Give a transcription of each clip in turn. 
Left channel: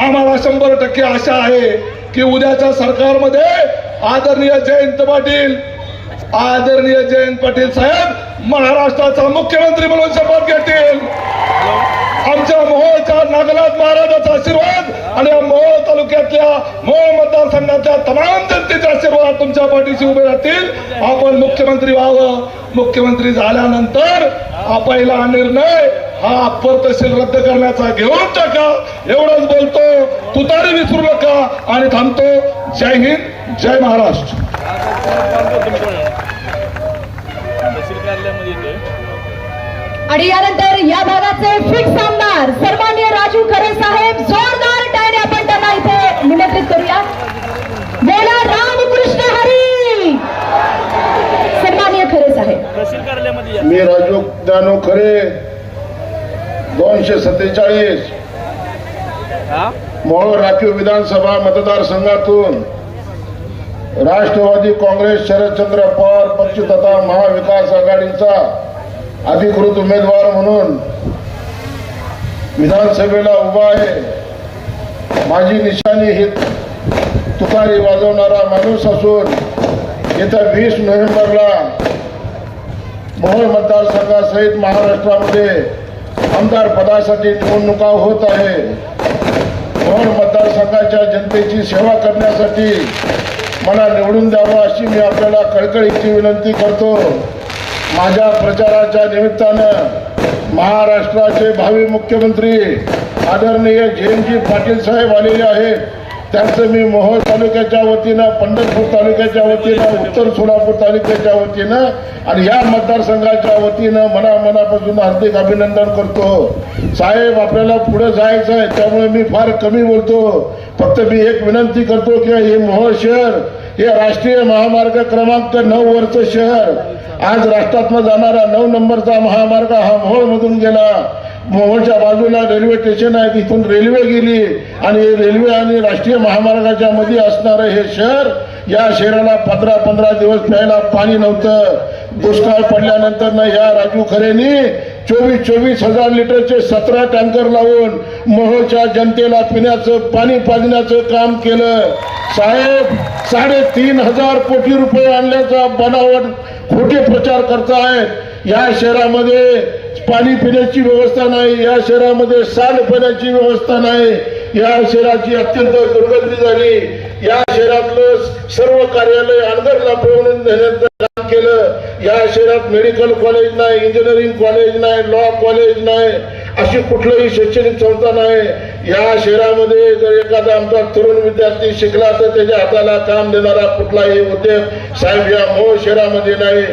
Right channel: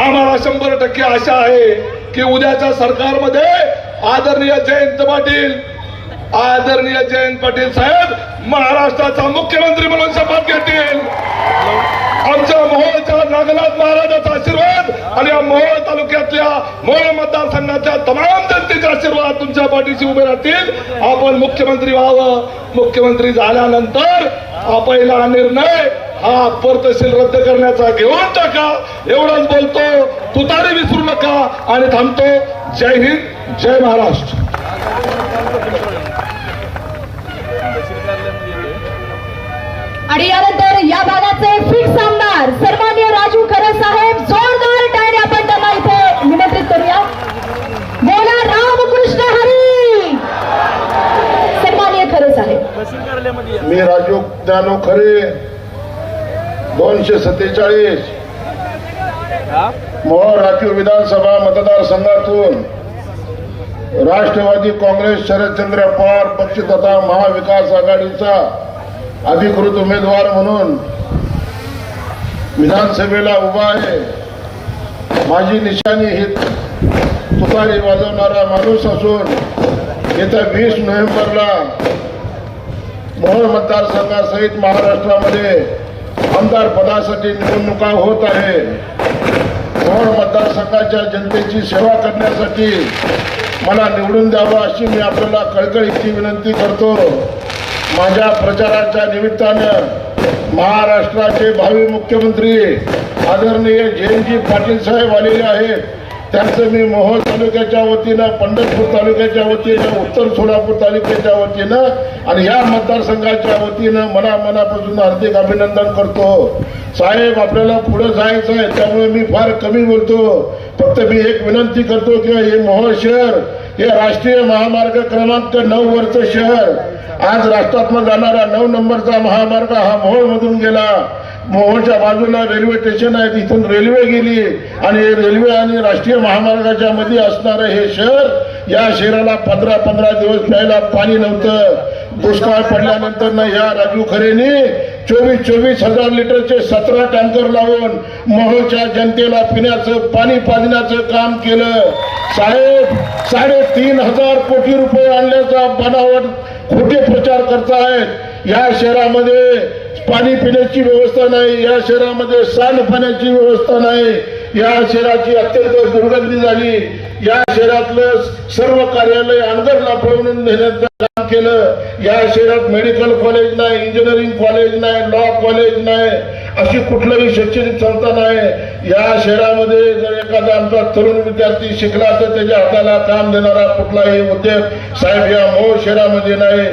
आम्हाला शंभर टक्के आशा आहे की उद्याच्या सरकारमध्ये आदरणीय जयंत पाटील आदरणीय जयंत पाटील साहेब महाराष्ट्राचा मुख्यमंत्री म्हणून शपथ घेतील. आमच्या मोहोळच्या नागनाथ महाराजाचा आशीर्वाद आणि या मोहोळ तालुक्यातल्या मोहोळ मतदारसंघातल्या तमाम जनतेचा आशीर्वाद तुमच्या पाठीशी उभे राहतील. आपण मुख्यमंत्री व्हावं. मुख्यमंत्री झाल्यानंतर हा पहिला निर्णय हा अप्पर तहसील रद्द करण्याचा घेऊन टाका. एवढंच बोलतो तुतारी विसरू नका आणि थांबतो. जय हिंद जय महाराष्ट्र. आणि यानंतर या भागाचे फिक्स आमदार सन्मान्य राजू खरे साहेब जोरदार टाळी आपण त्यांना इथे निमंत्रित करूया. बोला रामकृष्ण हरी! सन्मान्य खरे साहेब. मी राजू ज्ञानो खरे. दोनशे सत्तेचाळीस. मोहोळ राखीव विधानसभा मतदारसंघातून राष्ट्रवादी काँग्रेस शरदचंद्र पवार पक्ष तथा महाविकास आघाडीचा अधिकृत उमेदवार म्हणून विधानसभेला उभा आहे. माझी निशाणी ही तुतारी वाजवणारा माणूस असून येत्या वीस नोव्हेंबरला मोहोळ मतदारसंघासहित महाराष्ट्रामध्ये आमदार पदासाठी निवडणुका होत आहे मोहोळ मतदारसंघाच्या जनतेची सेवा करण्यासाठी मला निवडून द्यावं अशी मी आपल्याला कळकळीची विनंती करतो. माझ्या प्रचाराच्या निमित्तानं महाराष्ट्राचे भावी मुख्यमंत्री आदरणीय जयंतजी पाटील साहेब आलेले आहेत. त्यांचं मी मोहोळ तालुक्याच्या वतीनं पंढरपूर तालुक्याच्या वतीनं उत्तर सोलापूर तालुक्याच्या वतीनं आणि या मतदारसंघाच्या वतीनं मला मनापासून हार्दिक अभिनंदन करतो. साहेब आपल्याला पुढे जायचं आहे त्यामुळे मी फार कमी बोलतो. फक्त मी एक विनंती करतो की हे मोहोळ शहर हे राष्ट्रीय महामार्ग क्रमांक नऊ वरचं शहर आज राष्ट्रातनं जाणारा नऊ नंबरचा महामार्ग हा मोहोळमधून गेला. मोहोळच्या बाजूला रेल्वे स्टेशन आहे तिथून रेल्वे गेली. आणि रेल्वे आणि राष्ट्रीय महामार्गाच्या मध्ये असणारं हे शहर या शहराला पंधरा पंधरा दिवस प्यायला पाणी नव्हतं. दुष्काळ पडल्यानंतर ना या राजू खरेनी चोवीस चोवीस हजार लिटरचे सतरा टँकर लावून मोहोळच्या जनतेला पिण्याचं पाणी पाजण्याचं काम केलं. साहेब साडेतीन हजार कोटी रुपये आणल्याचा बनावट खोटे प्रचार करतायत या शहरामध्ये पाणी पिण्याची व्यवस्था नाही या शहरामध्ये सांडपाण्याची व्यवस्था नाही. या शहराची अत्यंत दुर्गंधी झाली. या शहरातलं सर्व कार्यालय अनगर पळवून नेण्याचं काम केलं. या शहरात मेडिकल कॉलेज नाही इंजिनिअरिंग कॉलेज नाही लॉ कॉलेज नाही. अशी कुठलंही शैक्षणिक संस्था नाही. या शहरामध्ये जर एखादा आमचा तरुण विद्यार्थी शिकला तर त्याच्या हाताला काम देणारा कुठलाही उद्योग साहेब या मूळ शहरामध्ये नाही.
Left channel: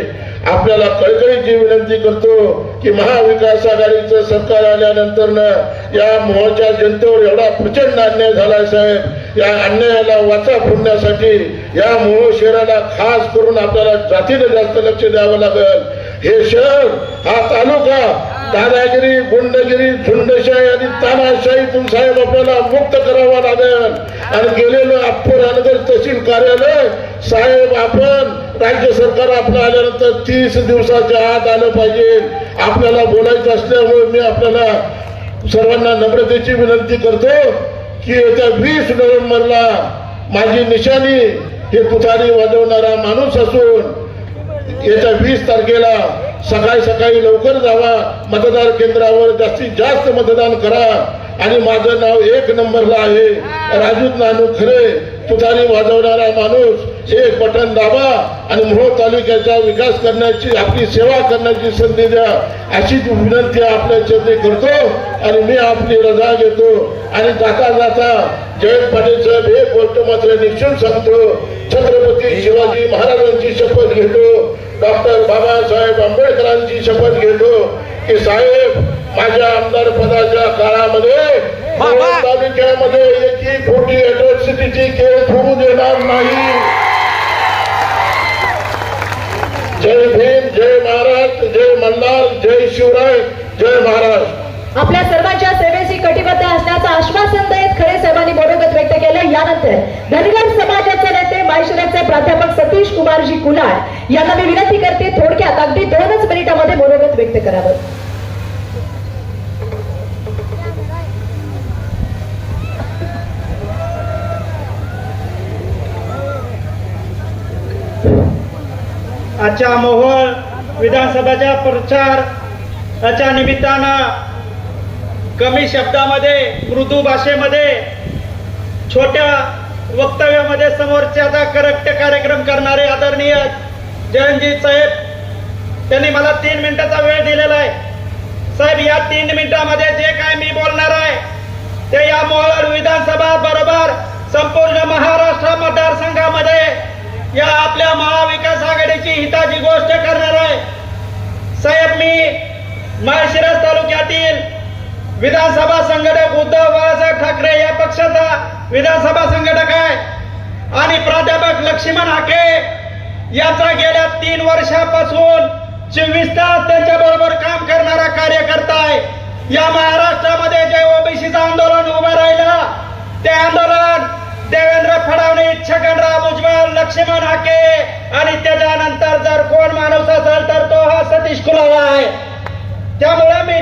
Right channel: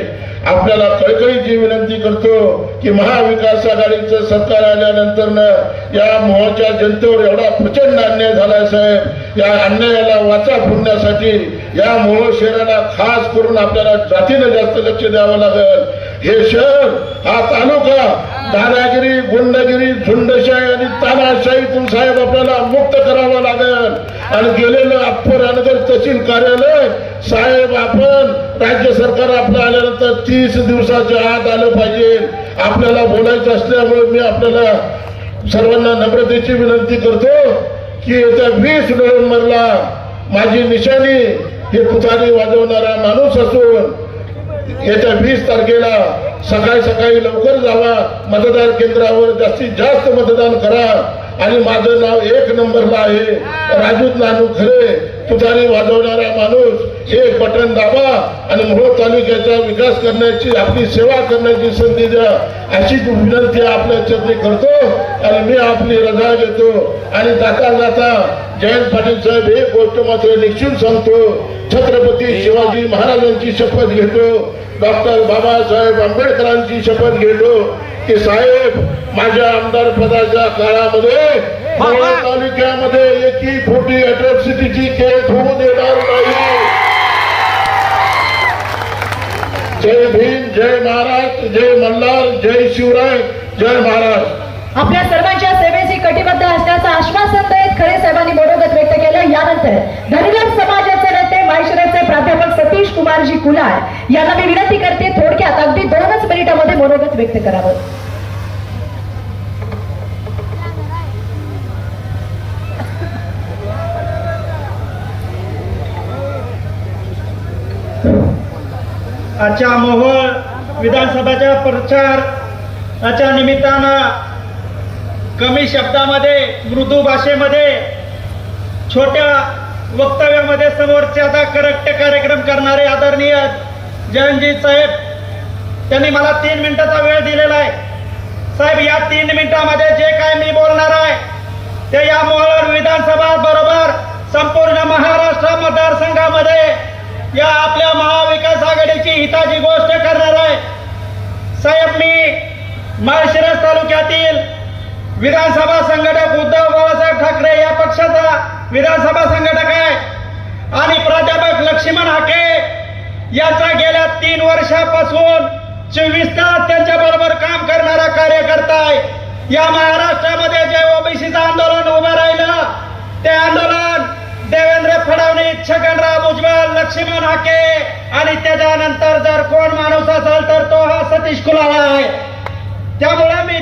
आपल्याला कळकळीची विनंती करतो की महाविकास आघाडीचं सरकार आल्यानंतर या मोहच्या जनतेवर एवढा प्रचंड अन्याय झाला साहेब. या अन्यायाला वाचा फोडण्यासाठी या मोह शहराला खास करून आपल्याला जातीनं जास्त लक्ष द्यावं लागेल. हे शहर हा तालुका दादागिरी गुंडगिरी झुंडशाही आणि तानाशाहीतून साहेब आपल्याला मुक्त करावा लागेल. आणि गेलेलं अप्पर अनगर तहसील कार्यालय साहेब आपण राज्य सरकार आपलं आल्यानंतर तीस दिवसाच्या आत आलं पाहिजे. आपल्याला बोलायचं असल्यामुळे मी आपल्याला सर्वांना नम्रतेची विनंती करतो की येत्या वीस नोव्हेंबरला माझी निशाणी हे कुठारी वाजवणारा माणूस असून याच्या वीस तारखेला सकाळी सकाळी लवकर जावा. मतदार केंद्रावर जास्तीत जास्त मतदान करा. आणि माझं नाव एक नंबरला आहे. राजू नानू खरे. तुतारी वाजवणारा माणूस. हे बटन दाबा आणि मोहोळ तालुक्याचा विकास करण्याची आपली सेवा करण्याची संधी द्या. अशीच विनंती आपल्या चरणी करतो आणि मी आपली रजा घेतो. आणि जाता जाता जयंत पाटील साहेब एक गोष्ट मात्र निश्चित सांगतो. छत्रपती शिवाजी महाराजांची शपथ घेतो. डॉक्टर बाबासाहेब आंबेडकरांची शपथ घेतो. की साहेब माझ्या आमदार पदाच्या काळामध्ये मोहोळ तालुक्यामध्ये एकी खोटी अट्रॉसिटीची केस होऊ देणार नाही. जय भीम जय महाराष्ट्र जय मल्हार जय शिवराय जय महाराष्ट्र आपल्या सर्वांच्या सेवेची कटिबद्ध असण्याचं आश्वासन देत खरे साहेबांनी मनोगत व्यक्त केलं. यानंतर धनगर समाजाचे नेते माहेश्वराचे प्राध्यापक सतीश कुमारजी कुलार यांना मी विनंती करते थोडक्यात अगदी दोनच मिनिटांमध्ये मनोगत व्यक्त करावं. आजच्या मोहोळ विधानसभाच्या प्रचाराच्या निमित्तानं कमी शब्दामध्ये मृदू भाषेमध्ये छोट्या वक्तव्यामध्ये समोरच्याचा करेक्ट कार्यक्रम करणारे आदरणीय जयंतजी साहेब त्यांनी मला तीन मिनिटाचा वेळ दिलेला आहे. साहेब या तीन मिनिटामध्ये जे काय मी बोलणार आहे ते या मोहळ विधानसभा बरोबर संपूर्ण महाराष्ट्र मतदारसंघामध्ये या आपल्या महाविकास आघाडीची हिताची गोष्ट करणार आहे साहेब मी माळशिरस तालुक्यातील विधानसभा संघटक उद्धव बाळासाहेब ठाकरे या पक्षाचा विधानसभा संघटक आहे. आणि प्राध्यापक लक्ष्मण हाके यांचा गेल्या तीन वर्षापासून चोवीस तास त्यांच्या बरोबर काम करणारा कार्यकर्ता आहे. या महाराष्ट्रामध्ये जे ओबीसीचं आंदोलन उभं राहिलं ते आंदोलन देवेंद्र फडणवीस छगनराव उज्ज्वल लक्ष्मण हाके आणि त्याच्यानंतर जर कोण माणूस असेल तर तो हा सतीश कुलावा आहे.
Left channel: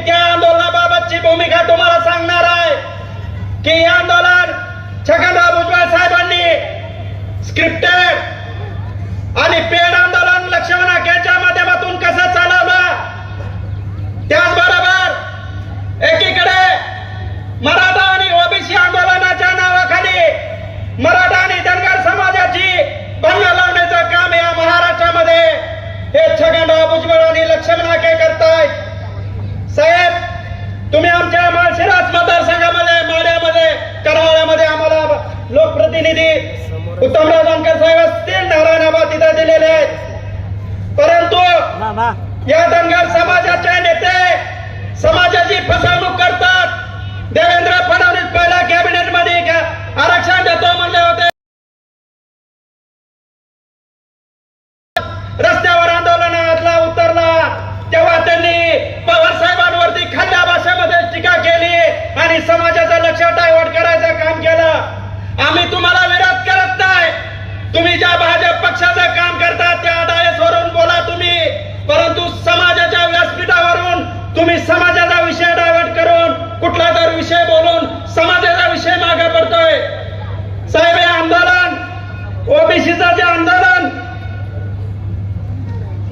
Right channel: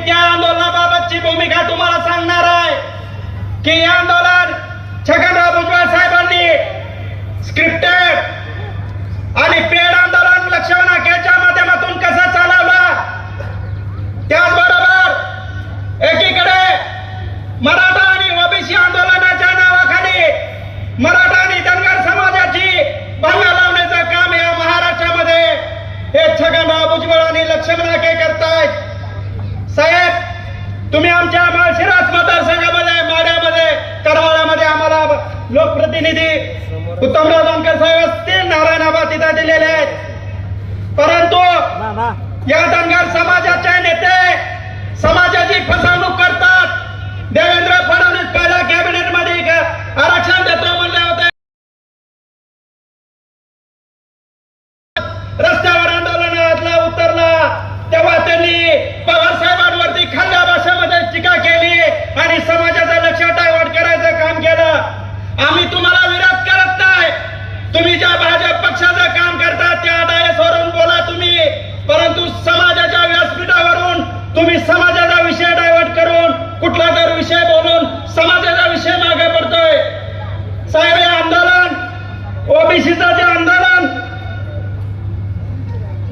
त्या आंदोलनाबाबतची भूमिका तुम्हाला सांगणार आहे? की आंदोलन छगनराव भुजबळ साहेबांनी स्क्रिप्टेड आणि पेड आंदोलन लक्ष्मण हाकेच्या माध्यमातून कसं चालवलं? त्याचबरोबर एकीकडे मराठा आणि ओबीसी आंदोलनाच्या नावाखाली मराठा आणि धनगर समाजाची भंग लावण्याचं काम या महाराष्ट्रामध्ये हे छगनराव भुजबळ आणि लक्ष्मण हाके करतायत. साहेब तुम्ही आमच्या माळशिरास मतदारसंघामध्ये माड्यामध्ये करमाळ्यामध्ये आम्हाला लोकप्रतिनिधी उत्तमराव जानकर साहेब असतील नारायणाबाद तिथं दिलेले आहेत. परंतु या धनगर समाजाचे नेते समाजाची फसवणूक करतात. देवेंद्र फडणवीस पहिला समाजाचा लक्षात डायव्हर्ट करायचं काम केलं. आम्ही तुम्हाला विरोध करत नाही. तुम्ही ज्या भाजप पक्षाचं काम करता त्या डायसवरून बोला तुम्ही. परंतु समाजाच्या व्यासपीठावरून तुम्ही समाजाचा विषय डायव्हर्ट करून कुठला तर विषय बोलून समाजाचा विषय मागे पडतोय साहेब हे आंदोलन ओबीसीचं जे आंदोलन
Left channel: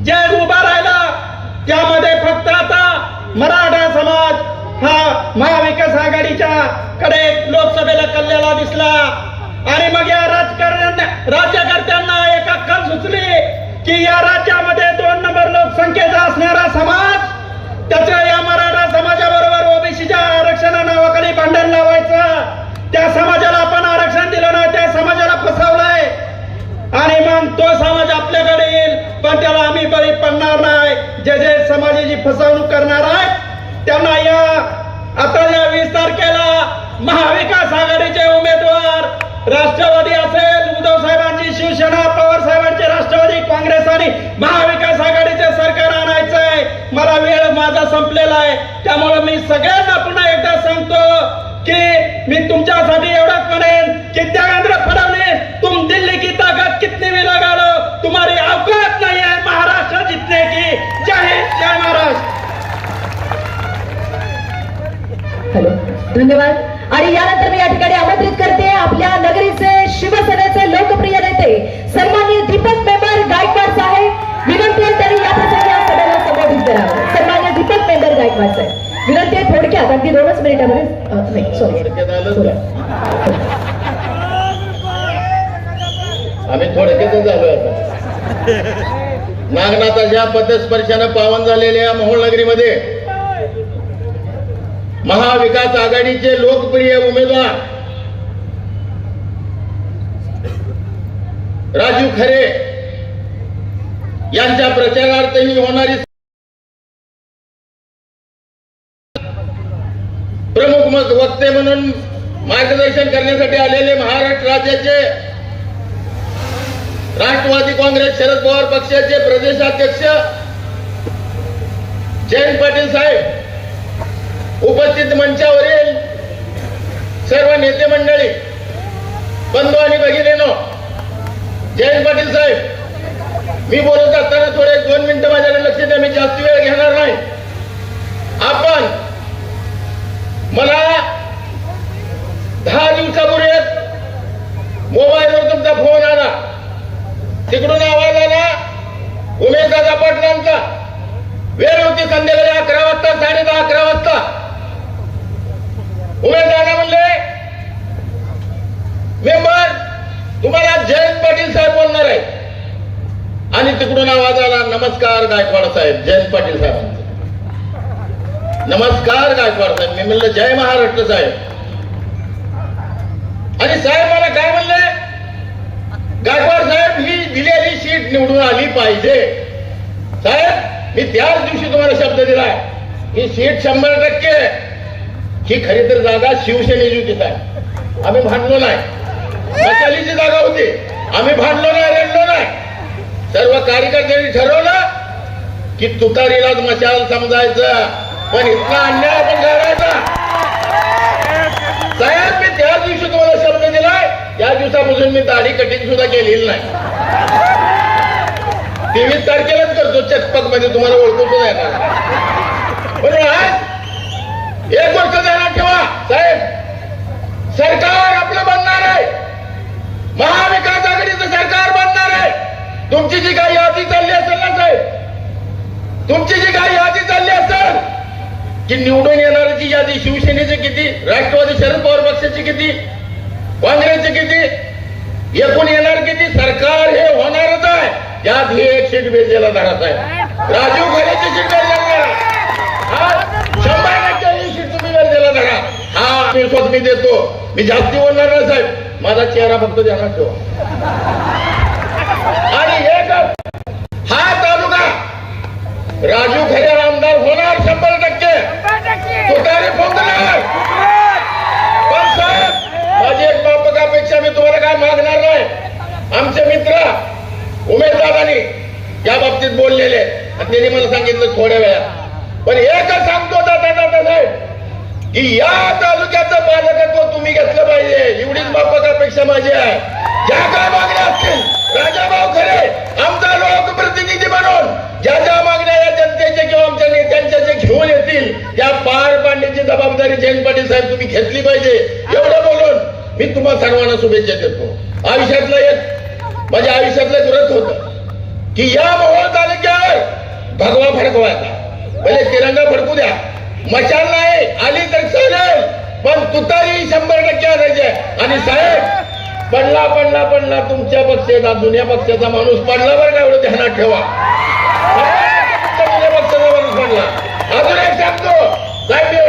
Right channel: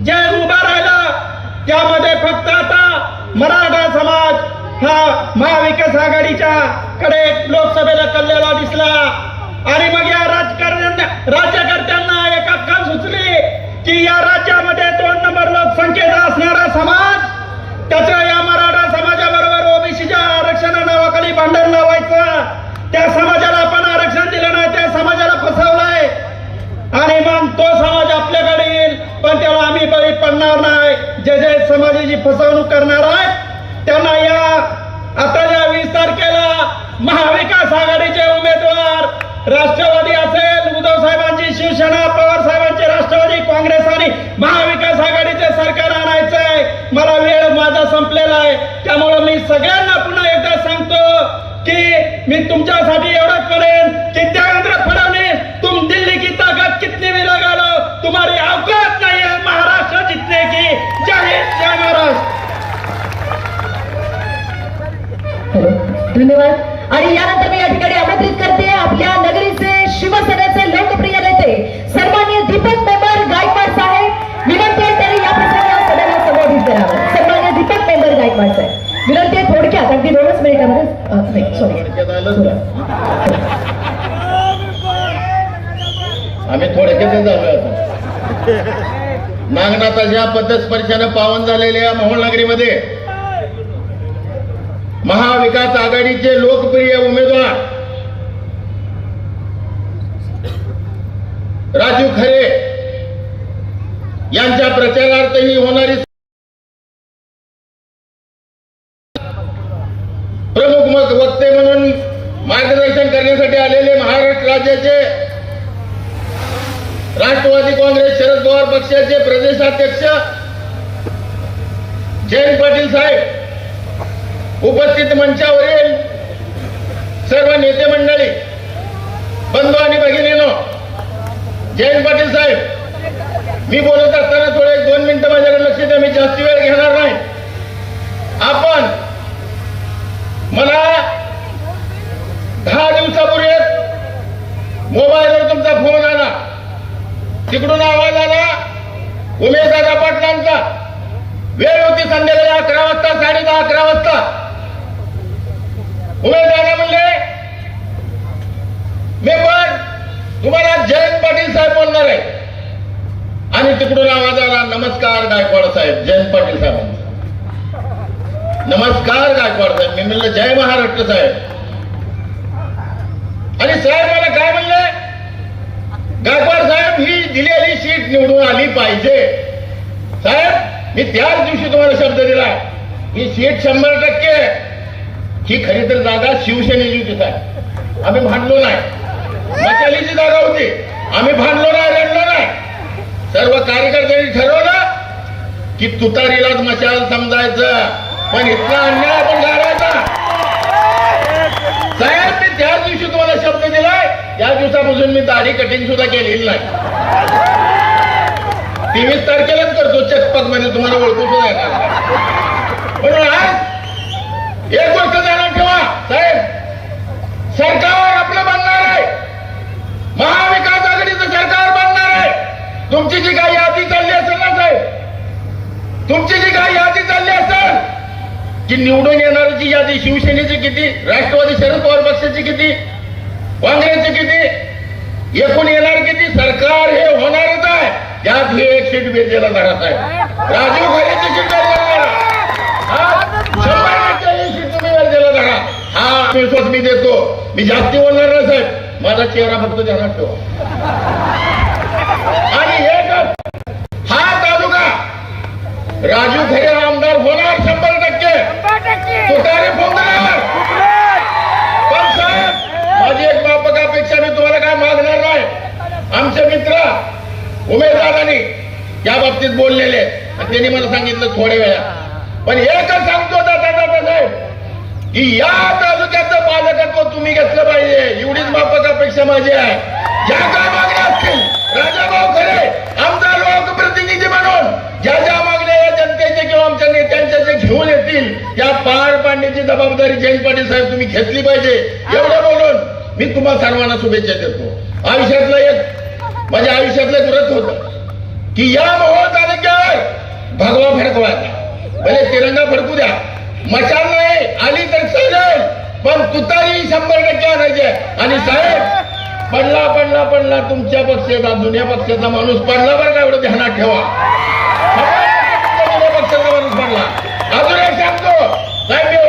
जे उभा राहिला त्यामध्ये फक्त आता मराठा समाज हा महाविकास आघाडीच्या कडे लोकसभेला कल्ल्याला दिसला आणि मग या राजकारण राज्यकर्त्यांना एक अक्कल सुचली की या राज्यामध्ये दोन नंबर लोकसंख्येचा असणारा समाज त्याच्या या मराठा समाजाबरोबर ओबीसीच्या आरक्षणा नावाखाली भांडण लावायचं. त्या समाजाला आपण आरक्षण दिलं नाही त्या समाजाला फसवलंय. आणि मग तो समाज आपल्याकडे येईल पण त्याला आम्ही बळी पडणार नाही. जे जे समाजाची फसवणूक करणार आहेत त्यांना या आता या वीस तारखेला महाविकास आघाडीचे उमेदवार राष्ट्रवादी असेल उद्धव साहेबांची शिवसेना सगळ्यांना पुन्हा एकदा सांगतो की मी तुमच्यासाठी एवढंच म्हणेन की देवेंद्र फडणवीस तुम दिल्ली की ताकद कितनी भी लगा लो तुम्हारी अवकात नाही आहे महाराष्ट्र जितने की। जय हिंद जय महाराष्ट्र। धन्यवाद. आणि यानंतर मी या ठिकाणी आमंत्रित करते आपल्या नगरीचे शिवसेनेचे लोकप्रिय नेते अगदी दोनच मिनिटामध्ये नाही सॉरी आम्ही थोडक्यातच झालो? नागनाथाच्या पद्धतस्पर्शानं पावन झालेल्या मोहोळ नगरीमध्ये महाविकास आघाडीचे लोकप्रिय उमेदवार राजू खरे यांच्या प्रचारार्थही होणारी प्रमुख मग वक्ते म्हणून मार्गदर्शन करण्यासाठी आलेले महाराष्ट्र राज्याचे राष्ट्रवादी काँग्रेस शरद पवार पक्षाचे प्रदेशाध्यक्ष जयंत पाटील साहेब उपस्थित मंचावरील सर्व नेते मंडळी बंधू आणि भगिनीनो जयंत पाटील साहेब मी बोलत असताना थोडे एक दोन मिनिटं माझ्याकडे लक्ष द्या मी जास्ती वेळ घेणार नाही आपण मला दहा दिवसापूर्वी मोबाईलवर तुमचा फोन आला तिकडून आवाज आला उमेद वेळ होती संध्याकाळी अकरा वाजता साडे दहा अकरा वाजता उमेदवार म्हणले मेंबर तुम्हाला जयंत पाटील साहेब बोलणार आहे आणि तिकडून आवाज आला नमस्कार गायकवाड साहेब जयंत पाटील साहेब. नमस्कार गायकवाड साहेब मी म्हणलं जय महाराष्ट्र साहेब. आणि साहेब मला काय म्हणले? गायकवाड साहेब मी दिलेली सीट निवडून आली पाहिजे. साहेब मी त्याच दिवशी तुम्हाला शब्द दिला. ही सीट शंभर टक्के ही खरी तर जागा शिवसेनेची होती साहेब. आम्ही भांडलो नाही. मशालीची जागा होती. आम्ही भांडलो नाही रडलो नाही. सर्व कार्यकर्त्यांनी ठरवलं की तुतारीलाच मशाल समजायचं. पण इथला अन्याय आपण करायचा. साहेब मी त्याच दिवशी तुम्हाला शब्द दिलाय. या दिवसापासून मी दाढी कटिंग सुद्धा केलेली नाही. तेवीस तारखेलाच करतो चकपकमध्ये तुम्हाला ओळखू सुद्धा येणार म्हणून आज एक गोष्ट जाणार ठेवा साहेब. सरकार आपलं बनणार आहे. महाविकास आघाडीचं सरकार बनणार आहे. तुमची जी काही यादी चालली असेल ना तुमची जी काही यादी चालली असेल की निवडून येणाऱ्याची यादी शिवसेनेची किती राष्ट्रवादी शरद पवार पक्षाची किती काँग्रेसची किती एकूण येणार किती सरकार हे होणारच आहे. त्यात हे एक सीट बेजेला जाणार आहे राजीव खरेची सीट शंभर टक्के ही सीट तुम्ही हा विश्वास मी देतो. मी जास्ती बोलणार नाही साहेब. माझा चेहरा फक्त ध्यानात ठेवा राजू खरे आमदार होणार शंभर टक्के. तुतारे फोडणार पण साहेब माझी एक व्यापक अपेक्षा मी तुम्हाला काय मागणार नाही. आमचे मित्र उमेदवारांनी या बाबतीत बोललेले. त्यांनी मला सांगितलं थोड्या वेळा पण एकच सांगतो दादा दादा साहेब की या तालुक्याचं पालकत्व तुम्ही घेतलं पाहिजे. एवढीच व्यापक अपेक्षा माझी आहे. ज्या काय मागण्या असतील राजाभाऊ जबाबदारी जयंत पाटील साहेब तुम्ही घेतली पाहिजे. एवढं बोलून मी तुम्हाला सर्वांना शुभेच्छा देतो. आयुष्यातलं एक माझ्या आयुष्यातलं एक व्रत होत की या मोहोळ तालुक्यावर भगवा फडकवायचा म्हणजे तिरंगा फडकू द्या. मशाल नाही आली तर चालेल पण तुतारी शंभर टक्के आणायची आणि साहेब पडला पडला पडला तुमच्या पक्षाचा जुन्या पक्षाचा माणूस पडला बरं का एवढं ध्यानात ठेवा. जुन्या पक्षाचा माणूस पडला. अजून एक सांगतो साहेब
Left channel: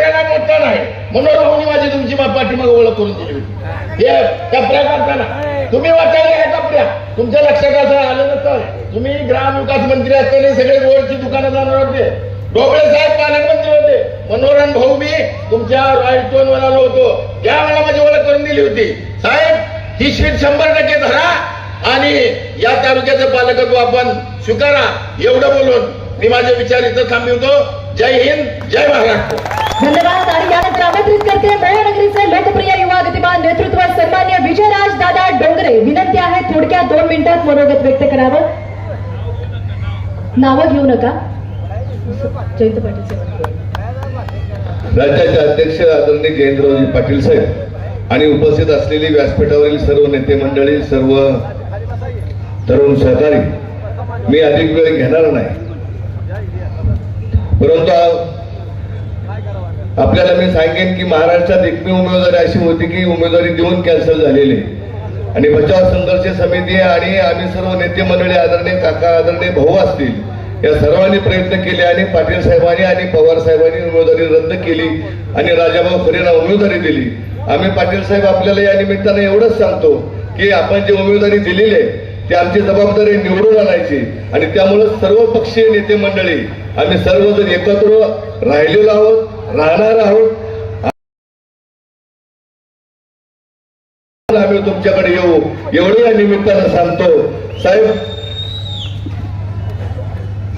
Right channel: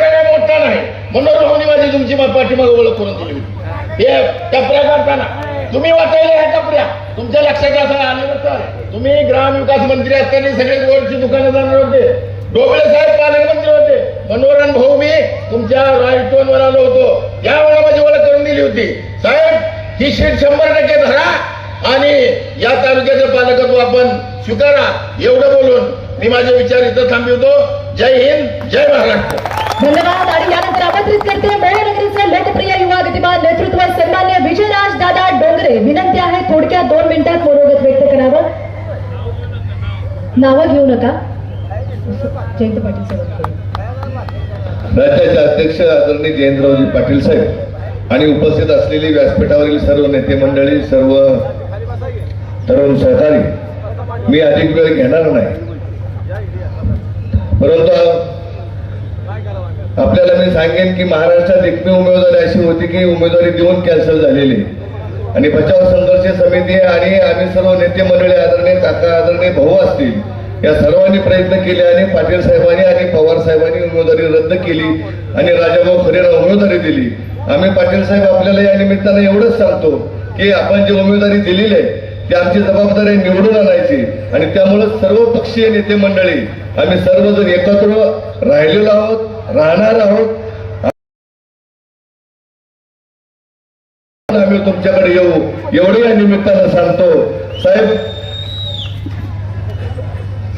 मी नाही. म्हणून राहून माझी तुमची पाठीमाग ओळख करून दिली होती. हे टपऱ्या करताना. तुम्ही वाचायला या टपऱ्या तुमच्या लक्षात असं आलं नसतं तुम्ही ग्रामविकास मंत्री असताना सगळे गोडची दुकानं जाणार होते. ढोबळे साहेब पालकमंत्री होते. मनोरंजन भाऊ मी तुमच्या राजस्थान वर आलो होतो. त्यावेळेला माझी ओळख करून दिली होती. साहेब ही शीट शंभर टक्के धरा आणि या तालुक्याचं पालकत्व आपण स्वीकारा. एवढं बोलून मी माझे विचार इथं थांबवतो जय हिंद जय महाराष्ट्र। धन्यवाद आणि यानंतर आमंत्रित करते मोहनगरीचे लोकप्रिय युवा गतिमान नेतृत्व सन्मान्य विजयराज दादा डोंगरे। विनंती आहे थोडक्यात दोन मिनिटात मनोगत व्यक्त करावं। नावं घेऊ नका। जयंत पाटील साहेब। राज्याचे अध्यक्ष आदरणीय जयंतरावजी पाटील साहेब आणि उपस्थित असलेली व्यासपीठावरील सर्व नेते मंडळी सर्व तरुण सहकारी मी अधिक वेळ घेणार नाही. परंतु आपल्याला मी सांगेन की महाराष्ट्रात एकमेव उमेदवारी अशी होती की उमेदवारी देऊन कॅन्सल झालेली. आणि बचाव संघर्ष समिती आणि आम्ही सर्व नेते मंडळी आदरणीय काका आदरणीय भाऊ असतील या सर्वांनी प्रयत्न केले आणि पाटील साहेबांनी आणि पवार साहेबांनी उमेदवारी रद्द केली आणि राजाभाऊ खरेला उमेदवारी दिली. आम्ही पाटील साहेब आपल्याला या निमित्तानं एवढंच सांगतो की आपण जी उमेदवारी दिलेली आहे ती आमची जबाबदारी निवडून आणायची. आणि त्यामुळे सर्व पक्षीय नेते मंडळी आम्ही सर्वजण एकत्र राहिलेलो आहोत राहणार आहोत. आम्ही तुमच्याकडे येऊ. एवढं या निमित्तानं सांगतो साहेब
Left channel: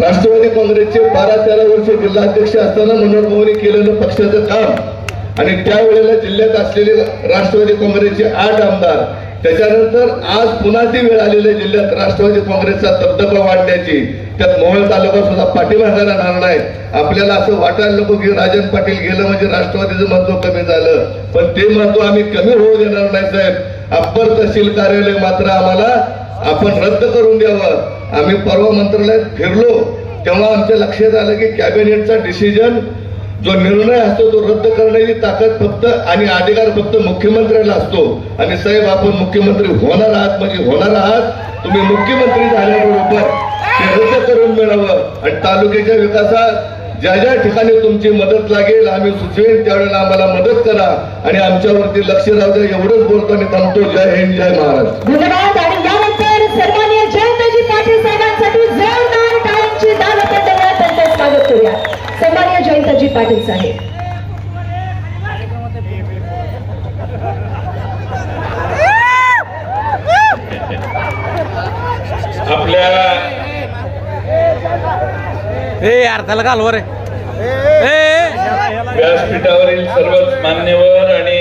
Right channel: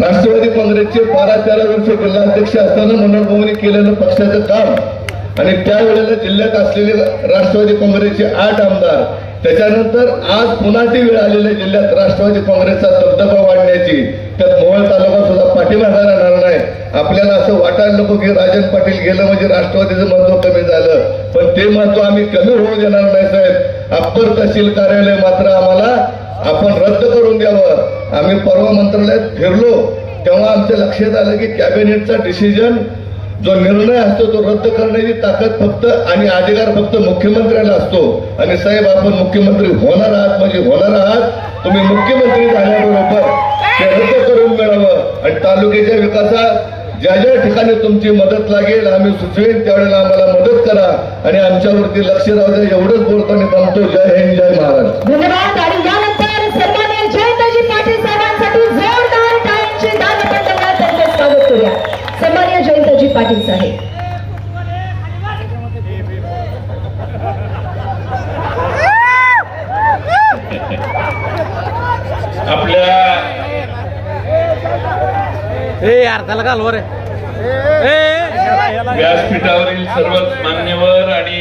राष्ट्रवादी काँग्रेसचे बारा तेरा वर्ष जिल्हाध्यक्ष असताना मनोहर भाऊनी केलेलं पक्षाचं काम आणि त्यावेळेला जिल्ह्यात असलेले राष्ट्रवादी काँग्रेसचे आठ आमदार त्याच्यानंतर आज पुन्हा ती वेळ आलेली आहे जिल्ह्यात राष्ट्रवादी काँग्रेसचा दबदबा वाढण्याची. त्यात मोहोळ तालुका सुद्धा पाठीमागा राहणार नाही. आपल्याला असं वाटायला नको की राजन पाटील गेलं म्हणजे राष्ट्रवादीचं महत्त्व कमी झालं. पण ते महत्त्व आम्ही कमी होऊ देणार नाही साहेब. अप्पर तहसील कार्यालय मात्र आम्हाला आपण रद्द करून द्यावं. आम्ही परवा मंत्रालयात फिरलो. तेव्हा आमच्या लक्षात आलं की कॅबिनेटचा डिसिजन जो निर्णय असतो तो रद्द करण्याची ताकद फक्त आणि अधिकार फक्त मुख्यमंत्र्याला असतो. आणि साहेब आपण मुख्यमंत्री होणार आहात म्हणजे होणार आहात. तुम्ही मुख्यमंत्री झाल्याबरोबर ते रद्द करून मिळावं. आणि तालुक्याच्या विकासात ज्या ज्या ठिकाणी तुमची मदत लागेल आम्ही सुचवेन त्यावेळेला आम्हाला मदत करा. आणि आमच्यावरती लक्ष राहू द्या एवढंच बोलताना थांबतो. जय हिंद जय महाराज. पाटील साहेब आपल्या ए घालवर ए व्यासपीठावरील सर्वच मान्यवर आणि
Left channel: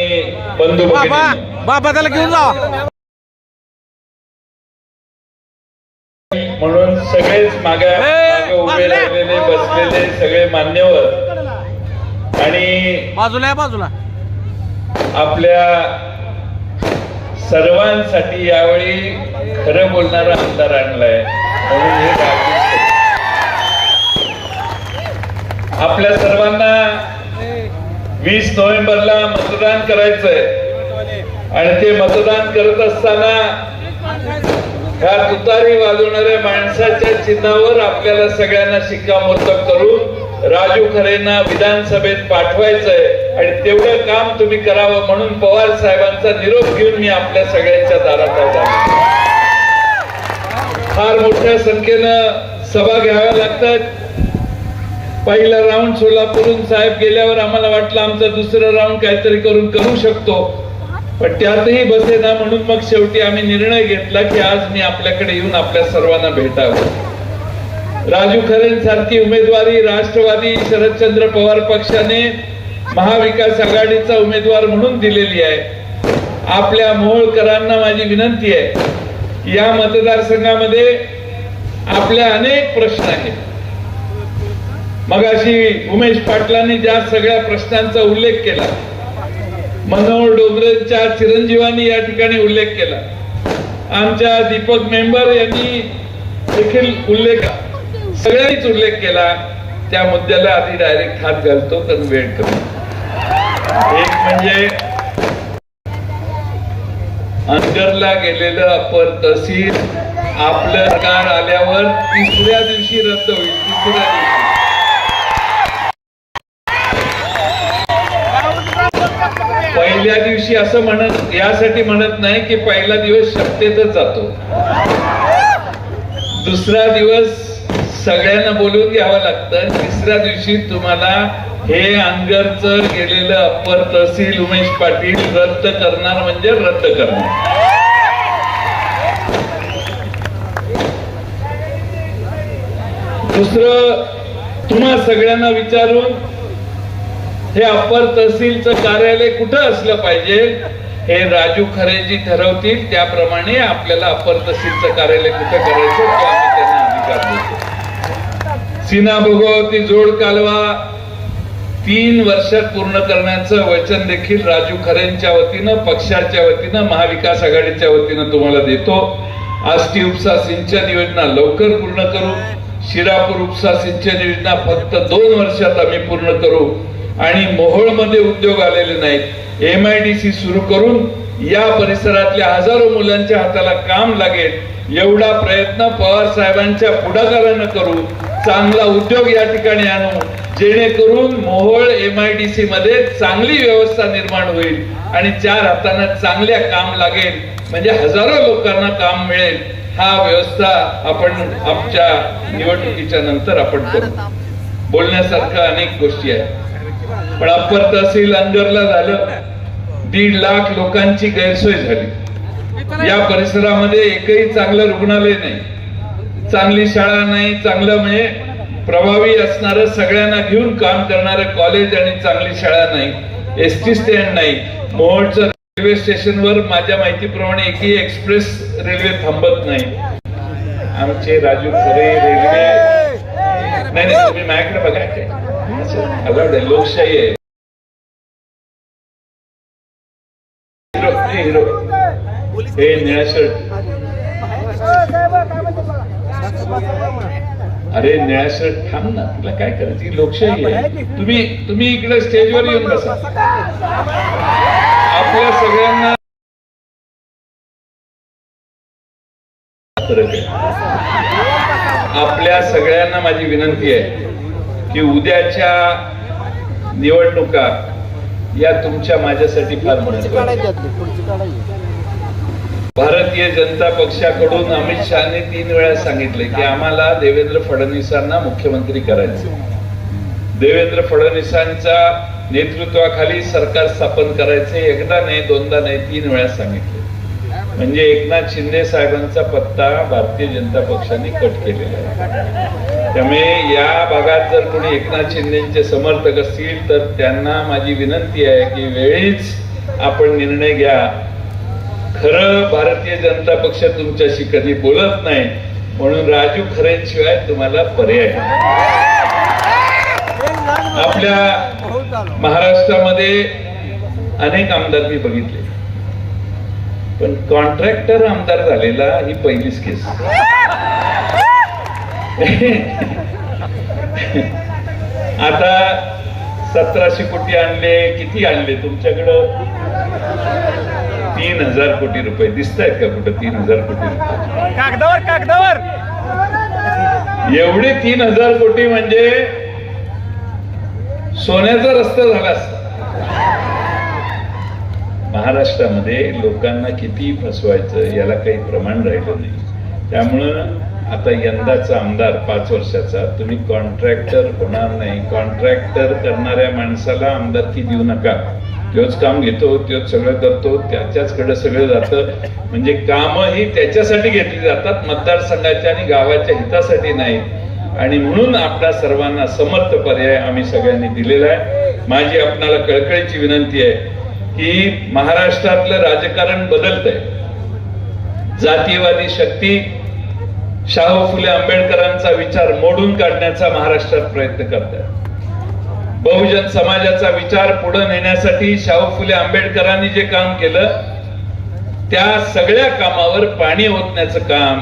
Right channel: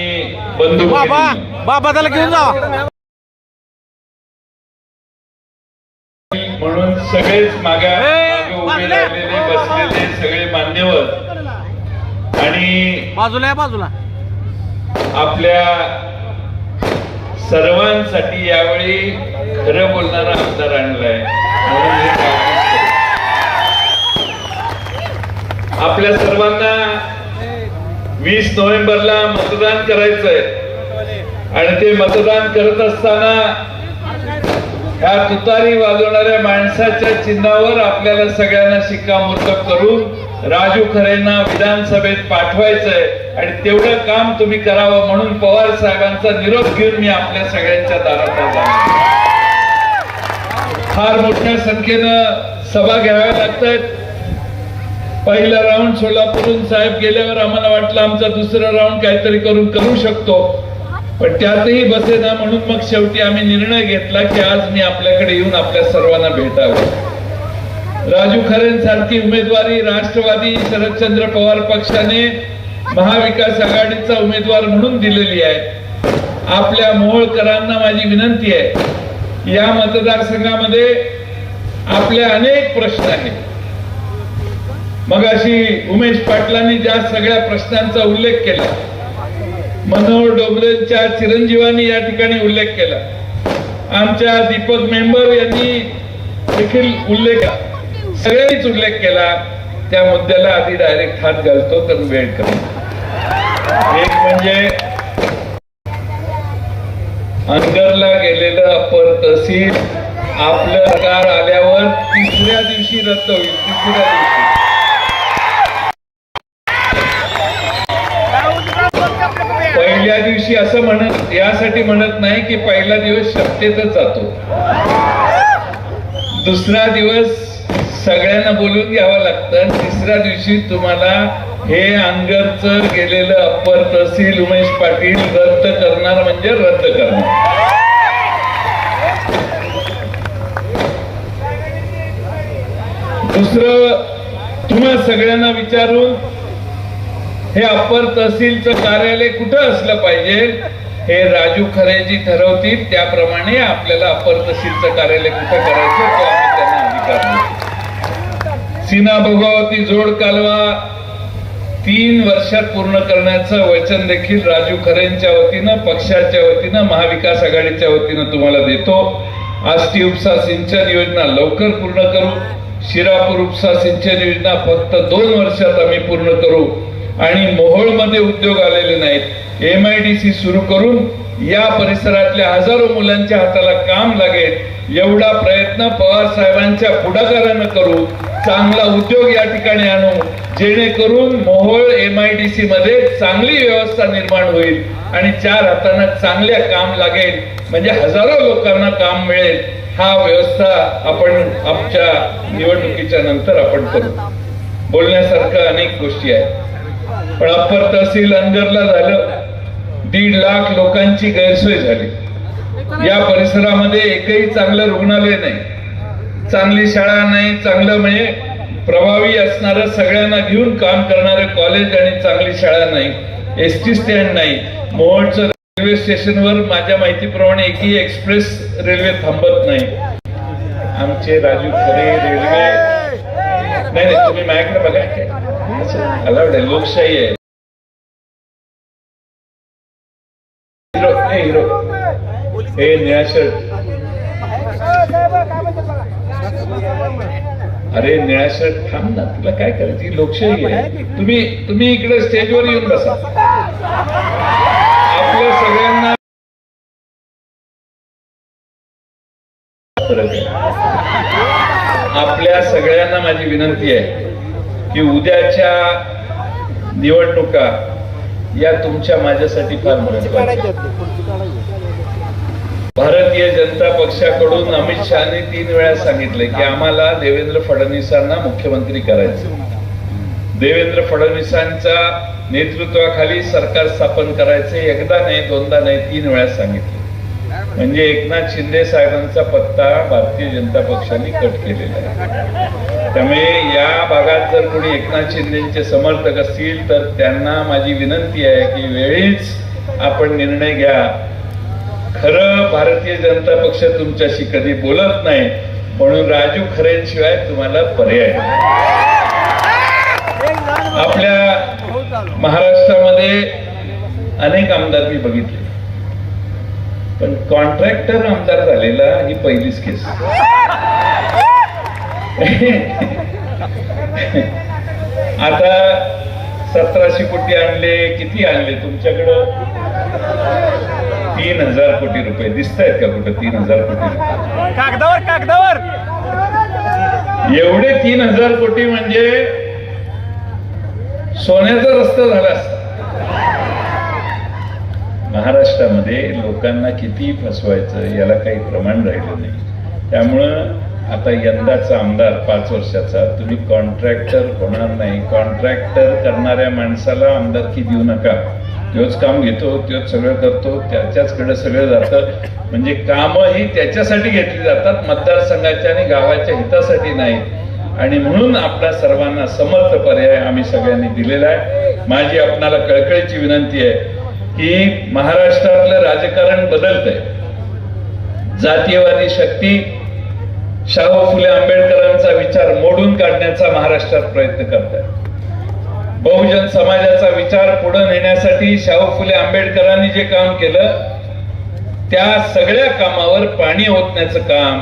बंधू बाबा बाबा त्याला घेऊन जावा म्हणून सगळेच मागे उभे. राहिलेले बसलेले सगळे मान्यवर आणि बाजूला बाजूला. आपल्या सर्वांसाठी यावेळी खरं बोलणारा आमदार आणलाय. म्हणून हे. आपल्या सर्वांना वीस नोव्हेंबरला मतदान करायचंय. आणि ते मतदान करत असताना ह्या तुतारी वाजवणाऱ्या माणसाच्या चिन्हावर आपल्याला सगळ्यांना शिक्कामोर्तब करून राजू खरेंना विधानसभेत पाठवायचंय आणि तेवढं काम तुम्ही करावं म्हणून पवार साहेबांचा निरोप घेऊन मी आपल्या सगळ्यांच्या दारात आला फार मोठ्या संख्येनं सभा घ्याव्या लागतात. पहिला राऊंड सोलापूरून साहेब गेल्यावर आम्हाला वाटलं आमचा दुसरा राऊंड काहीतरी करून करू शकतो. पण त्यातही बसेना म्हणून मग शेवटी आम्ही निर्णय घेतला की आज मी आपल्याकडे येऊन आपल्या सर्वांना भेटावं. राजू खरेंसारखी उमेदवारी राष्ट्रवादी शरदचंद्र पवार पक्षाने महाविकास आघाडीचा उमेदवार म्हणून दिलेली आहे. आपल्या मोहोळकरांना माझी विनंती आहे या मतदारसंघामध्ये आपले अनेक प्रश्न आहेत. मगाशी उमेश पाटलांनी ज्या सगळ्या प्रश्नांचा उल्लेख केला मनोहर डोंगरेंच्या चिरंजीवांनी या ठिकाणी उल्लेख केला. आमच्या दीपक मेंबर यांनी देखील उल्लेख सगळ्यांनीच उल्लेख केला त्या मुद्द्याला आधी डायरेक्ट हात घालतो तर वेळ करतो एक म्हणजे अनगरला गेलेलं अपर तहसील आपलं कार आल्यावर तिसऱ्या दिवशी रद्द होईल तिसऱ्या दिवशी. पहिल्या दिवशी असं म्हणत यासाठी म्हणत नाही की पहिला दिवस शक्यतच जातो. दुसरा दिवस सगळ्यांना बोलून घ्यावं लागतं. तिसऱ्या दिवशी तुम्हाला हे अंगरचं गेलेलं अप्पर तहसील उमेश पाटील रद्द करणार म्हणजे रद्द करणार. दुसरं तुम्हा सगळ्यांना विचारून हे अप्पर तहसीलचं कार्यालय कुठं असलं पाहिजे हे राजू खरेजी ठरवतील. त्याप्रमाणे आपल्याला अप्पर तहसीलचं कार्यालय कुठं करायचं तो त्यांना अधिकार देतो सीना भोगावती जोड कालवा तीन वर्षात पूर्ण करण्याचं वचन देखील राजू खरेंच्या वतीनं पक्षाच्या वतीनं महाविकास आघाडीच्या वतीनं तुम्हाला देतो. आष्टी उपसा सिंचन योजना लवकर पूर्ण करू. शिरापूर उपसा सिंचन योजना फक्त दोन वर्षात आम्ही पूर्ण करू. आणि मोहोळमध्ये उद्योग आलेले नाहीत. एम आय डी सी सुरू करून या परिसरातल्या हजारो मुलांच्या हाताला काम लागेल. एवढा प्रयत्न पवार साहेबांच्या पुढाकारानं करू. चांगला उद्योग या ठिकाणी आणू जेणेकरून Mohol M I D C मध्ये चांगली व्यवस्था निर्माण होईल आणि चार हातांना चांगल्या काम लागेल. म्हणजे हजारो लोकांना काम मिळेल. हा व्यवस्था आपण आमच्या निवडणुकीच्या नंतर आपण करू. बोलण्यासारख्या अनेक गोष्टी आहेत. पण अप्पर तहसील अंजरला झालं दीड लाख लोकांची गैरसोय झाली. या परिसरामध्ये एकही चांगलं रुग्णालय नाही. चांगली शाळा नाही चांगलं म्हणजे प्रभावी असणार सगळ्यांना घेऊन काम करणारं कॉलेज आणि चांगली शाळा नाही. एस टी स्टँड नाही. मोहोळचं रेल्वे स्टेशनवर माझ्या माहितीप्रमाणे एकही एक्सप्रेस रेल्वे थांबत नाही. आमचे राजू खरे रेल्वे नाही नाही तुम्ही माझ्याकडे बघा. काय अलाउड आहे. लोकशाही आहे हिरो हे निळा शर्ट अरे निळ्या थांब ना तुला काय करायची? लोकशाही आहे. तुम्ही तुम्ही इकडे स्टेजवर येऊन बसा. आपल्या सगळ्यांना आपल्या सगळ्यांना माझी विनंती आहे की उद्याच्या निवडणुका या तुमच्या माझ्यासाठी फार महत्त्वाच्या भारतीय जनता पक्षाकडून अमित शहाने तीन वेळा सांगितले की आम्हाला देवेंद्र फडणवीसांना मुख्यमंत्री करायचं देवेंद्र फडणवीसांच्या नेतृत्वाखाली सरकार स्थापन करायचे एकदा नाही दोनदा नाही तीन वेळा सांगितले. म्हणजे एकनाथ शिंदे साहेबांचा पत्ता भारतीय जनता पक्षाने कट केलेला आहे. त्यामुळे या भागात जर कोणी एकनाथ शिंदेचे समर्थक असतील तर त्यांना माझी विनंती आहे की वेळीच आपण निर्णय घ्या. खरं भारतीय जनता पक्ष तुमच्याशी कधी बोलत नाही म्हणून राजू खरेंशिवाय तुम्हाला पर्याय आपल्या महाराष्ट्रामध्ये अनेक आमदार मी बघितले. पण कॉन्ट्रॅक्टर आमदार झालेला ही पहिलीच केस. आता सतराशे कोटी आणले किती आणले तुमच्याकडं? तीन हजार कोटी रुपये दिसत आहेत का कुठं तीन हजार कोटी रुपये? कागदावर कागदावर. एवढे तीन हजार कोटी म्हणजे सोन्याचा रस्ता झाला महाराष्ट्रामध्ये लोकांना किती फसवायचं याला काही प्रमाण राहिलं नाही. त्यामुळं आता यंदाचा आमदार पाच वर्षाचा तुम्ही कॉन्ट्रॅक्टर होणार नाही. कॉन्ट्रॅक्टर करणाऱ्या माणसाला आमदारकी देऊ नका. तोच काम घेतो तोच सगळं करतो त्याच्याचकडे सगळं जातं. म्हणजे कामं ही त्याच्यासाठी घेतली जातात मतदारसंघाच्या आणि गावाच्या हितासाठी नाही. आणि म्हणून आपल्या सर्वांना समर्थ पर्याय आम्ही सगळ्यांनी दिलेला आहे. माझी आपणाला कळकळीची विनंती आहे की महाराष्ट्रातलं राजकारण बदलत आहे जातीयवादी शक्ती शाहू फुले आंबेडकरांचा विचार मोडून काढण्याचा महाराष्ट्रात प्रयत्न करत आहे बहुजन समाजाचा विचार पुढे नेण्यासाठी शाहू फुले आंबेडकरांनी जे काम केलं त्या सगळ्या कामावर पाणी ओतण्याचं काम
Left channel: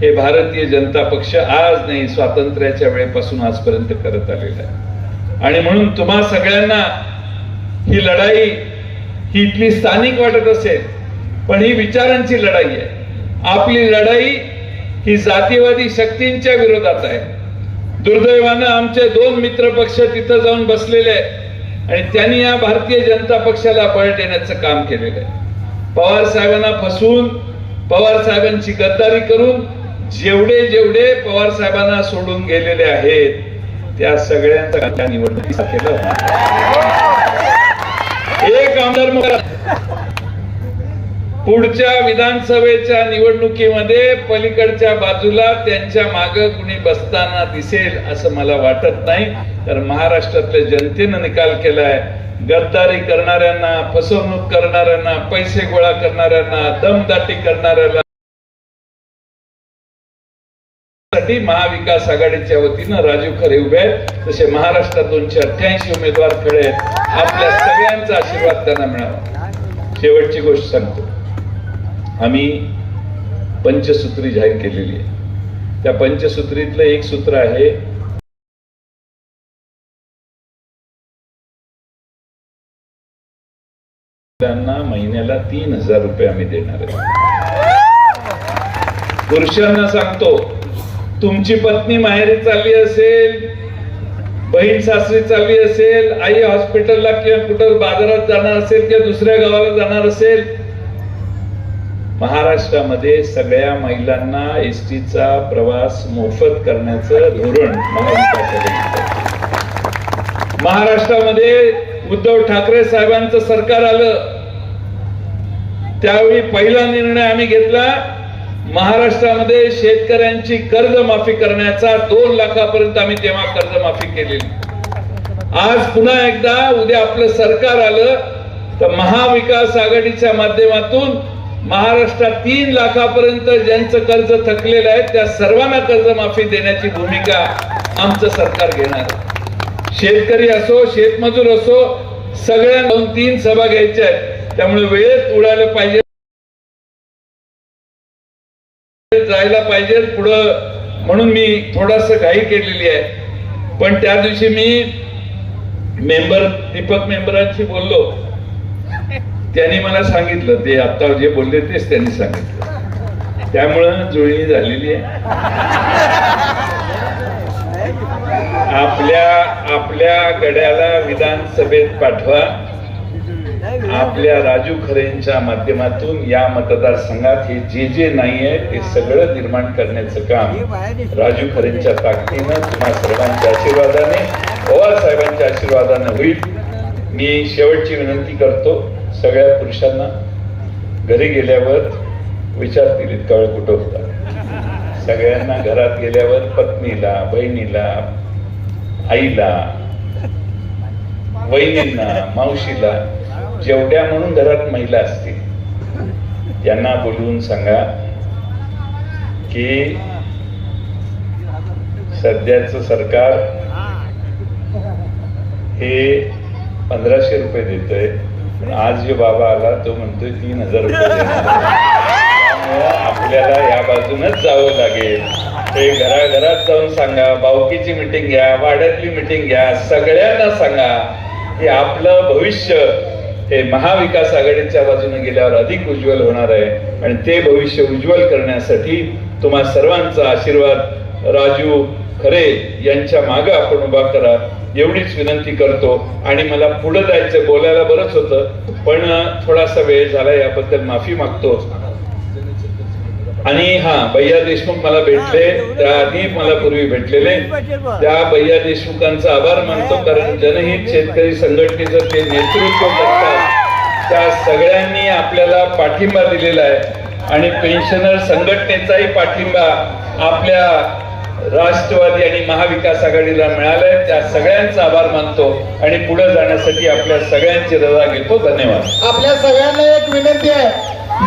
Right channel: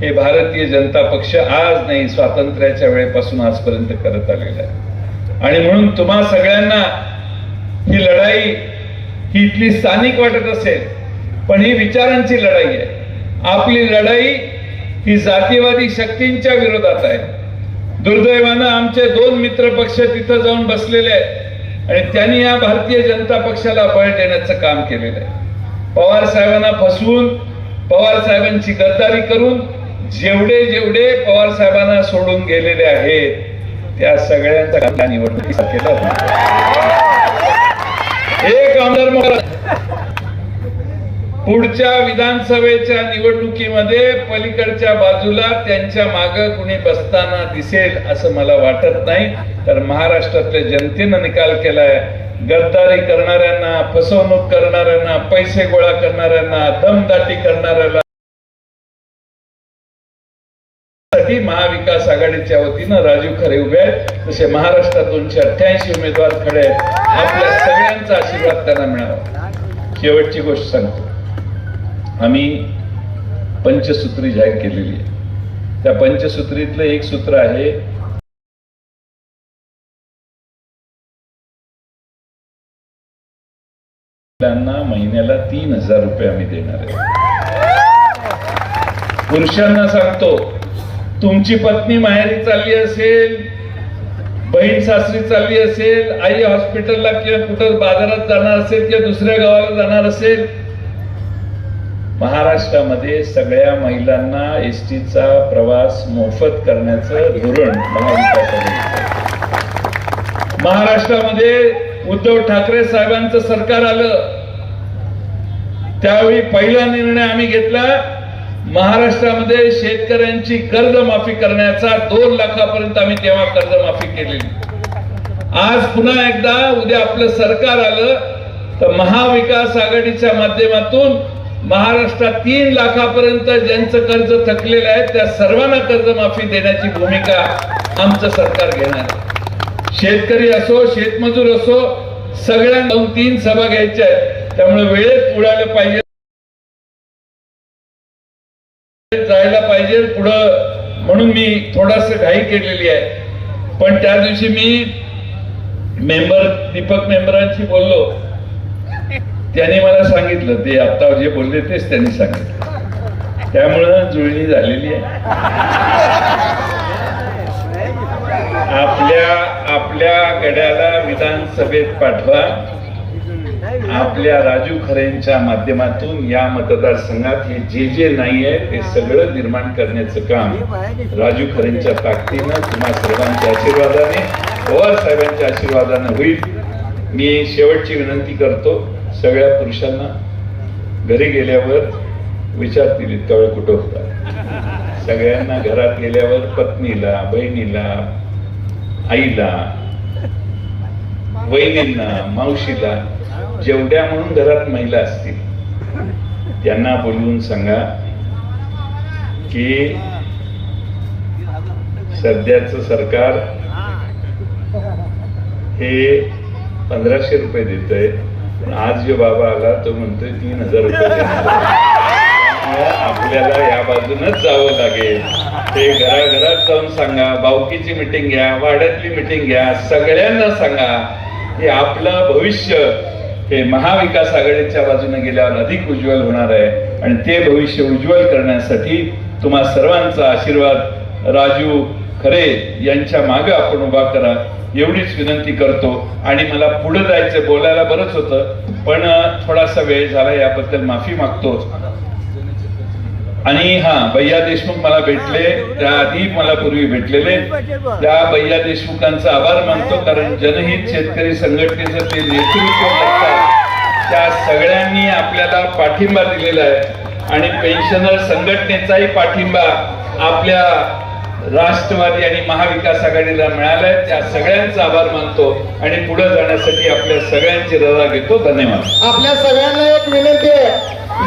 हे भारतीय जनता पक्ष आज नाही स्वातंत्र्याच्या वेळेपासून आजपर्यंत करत आलेलं आहे. आणि म्हणून तुम्हा सगळ्यांना ही लढाई ही इथली स्थानिक वाटत असेल पण ही विचारांची लढाई आहे. आपली लढाई ही जातीवादी शक्तींच्या विरोधात आहे. दुर्दैवानं आमचे दोन मित्र पक्ष तिथं जाऊन बसलेले आहेत आणि त्यांनी या भारतीय जनता पक्षाला बळ देण्याचं काम केलेलं आहे. पवार साहेबांना फसवून पवार साहेबांची गद्दारी करून जेवढे जेवढे पवार साहेबांना सोडून गेलेले आहेत त्या सगळ्यांचा निवडणुकीचा केला एक आमदार मला पुढच्या विधानसभेच्या निवडणुकीमध्ये पलीकडच्या बाजूला त्यांच्या माग कुणी बसताना दिसेल असं मला वाटत नाही. तर महाराष्ट्रातल्या जनतेनं निकाल केलाय. गद्दारी करणाऱ्यांना फसवणूक करणाऱ्यांना पैसे गोळा करणाऱ्यांना दमदाटी करणाऱ्याला साठी महाविकास आघाडीच्या वतीनं राजीव खरे उभे आहेत. तसे महाराष्ट्रात दोनशे अठ्ठ्याऐंशी उमेदवार खडे आहेत. आपल्या सगळ्यांचा आशीर्वाद त्यांना मिळावा. शेवटची गोष्ट सांगतो. आम्ही पंचसूत्री जाहीर केलेली आहे. त्या पंचसूत्रीतलं एक सूत्र आहे त्यांना महिन्याला तीन हजार रुपये आम्ही देणार आहे. पुरुषांना सांगतो तुमची पत्नी माहेरी चालली असेल बहीण सासरी चालली असेल आई हॉस्पिटलला किंवा कुठं बाजारात जाणार असेल किंवा दुसऱ्या गावाला जाणार असेल महाराष्ट्रामध्ये सगळ्या महिलांना एस टीचा प्रवास मोफत करण्याचं धोरण महाविकास महाराष्ट्रामध्ये उद्धव ठाकरे साहेबांचं सरकार आलं. त्यावेळी पहिला निर्णय आम्ही घेतला महाराष्ट्रामध्ये शेतकऱ्यांची कर्जमाफी करण्याचा दोन लाखापर्यंत आम्ही तेव्हा कर्जमाफी केलेली. आज पुन्हा एकदा उद्या आपलं सरकार आलं तर महाविकास आघाडीच्या माध्यमातून महाराष्ट्रात तीन लाखापर्यंत ज्यांचं कर्ज थकलेलं आहे त्या सर्वांना कर्जमाफी देण्याची भूमिका आमचं सरकार घेणार. शेतकरी असो शेतमजूर असो सगळ्या दोन तीन सभा घ्यायच्या आहेत. त्यामुळे वेळेत उडायला पाहिजे. जायला पाहिजे. पुढं म्हणून मी थोडस घाई केलेली आहे. पण त्या दिवशी मी मेंबर दीपक मेंबरांशी बोललो. त्यांनी मला सांगितलं ते आता जे बोलले तेच त्यांनी सांगितलं. त्यामुळं जुळणी झालेली आहे. आपल्या आपल्या गड्याला विधानसभेत पाठवा. आपल्या राजू खरेंच्या माध्यमातून या मतदारसंघात हे जे जे नाही आहे ते सगळं निर्माण करण्याचं काम राजू खरेंच्या ताकदीनं तुम्हा सर्वांच्या आशीर्वादाने पवार साहेबांच्या आशीर्वादाने होईल. मी शेवटची विनंती करतो. सगळ्या पुरुषांना घरी गेल्यावर विचारतील तळ कुठं होता? सगळ्यांना घरात गेल्यावर पत्नीला बहिणीला आईला वहिनींना मावशीला जेवढ्या म्हणून घरात महिला असतील त्यांना बोलवून सांगा की सध्याच सरकार हे पंधराशे रुपये देत आहे आज जो बाबा आला तो म्हणतोय तीन हजार रुपये आपल्याला या बाजूनच जावं लागेल. ते घराघरात जाऊन सांगा बावकीची मिटिंग घ्या वाड्यातली मिटिंग घ्या सगळ्यांना सांगा हे आपलं भविष्य हे महाविकास आघाडीच्या बाजूने गेल्यावर अधिक उज्ज्वल होणार आहे. आणि ते भविष्य उज्ज्वल करण्यासाठी तुम्हा सर्वांचा आशीर्वाद. राजू खरे यांच्या मागे आपण उभा करा. एवढीच विनंती करतो. आणि मला पुढे जायचं बोलायला बरंच होतं पण थोडासा वेळ झाला याबद्दल माफी मागतो. आणि हा भैया देशमुख मला भेटले त्याआधी मला पूर्वी भेटलेले. त्या भैया देशमुखांचा आभार मानतो कारण जनहित शेतकरी संघटनेचं ते नेतृत्व त्या सगळ्यांनी आपल्याला पाठिंबा दिलेला आहे. आणि पेन्शनर संघटनेचाही पाठिंबा आपल्या राष्ट्रवादी आणि महाविकास आघाडीला मिळालाय त्या सगळ्यांचा आभार मानतो आणि पुढे जाण्यासाठी आपल्या सगळ्यांची रजा घेतो. धन्यवाद. आपल्या सगळ्यांना एक विनंती आहे.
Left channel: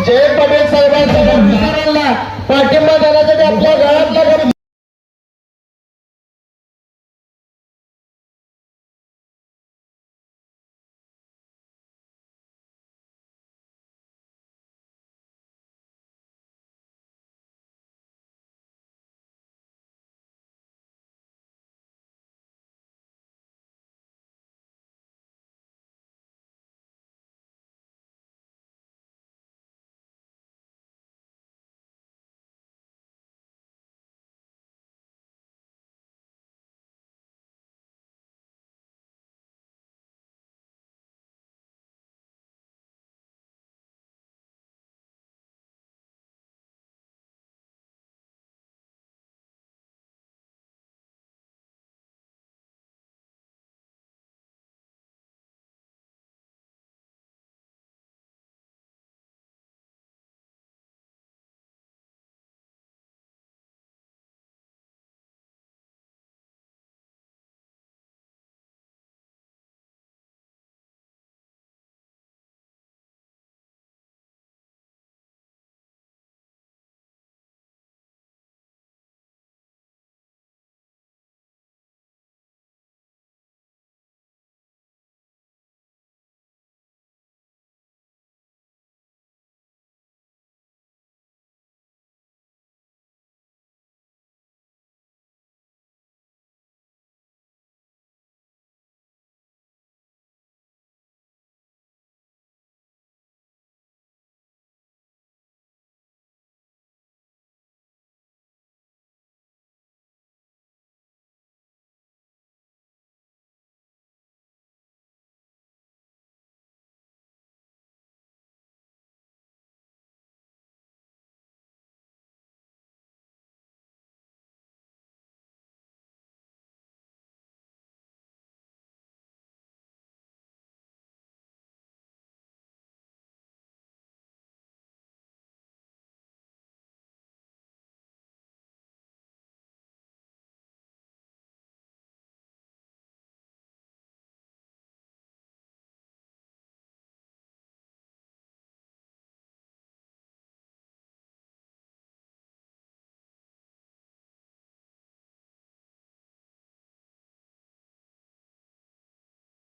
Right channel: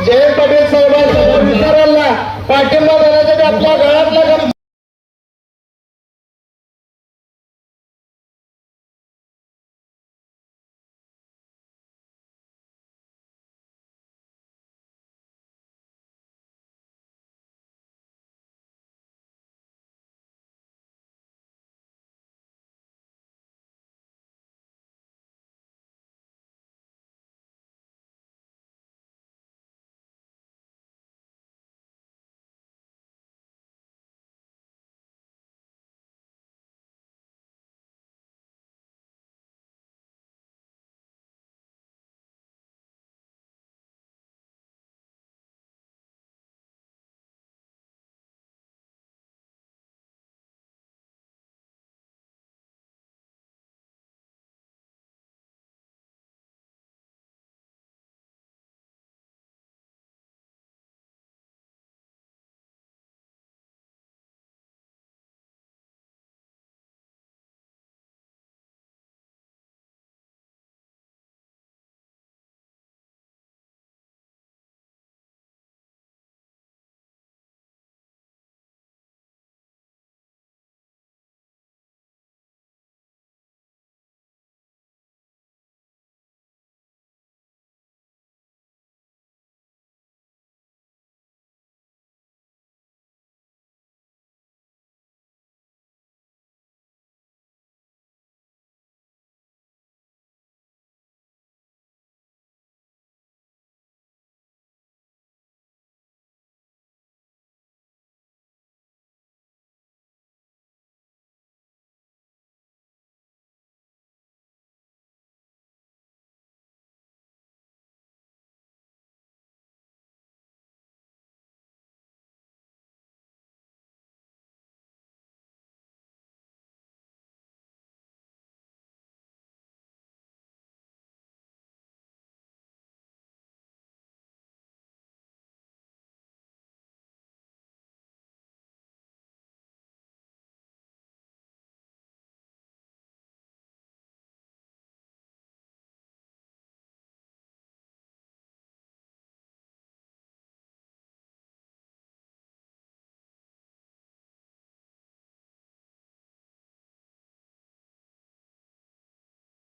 जय पटेल साहेबांच्या पाठिंबा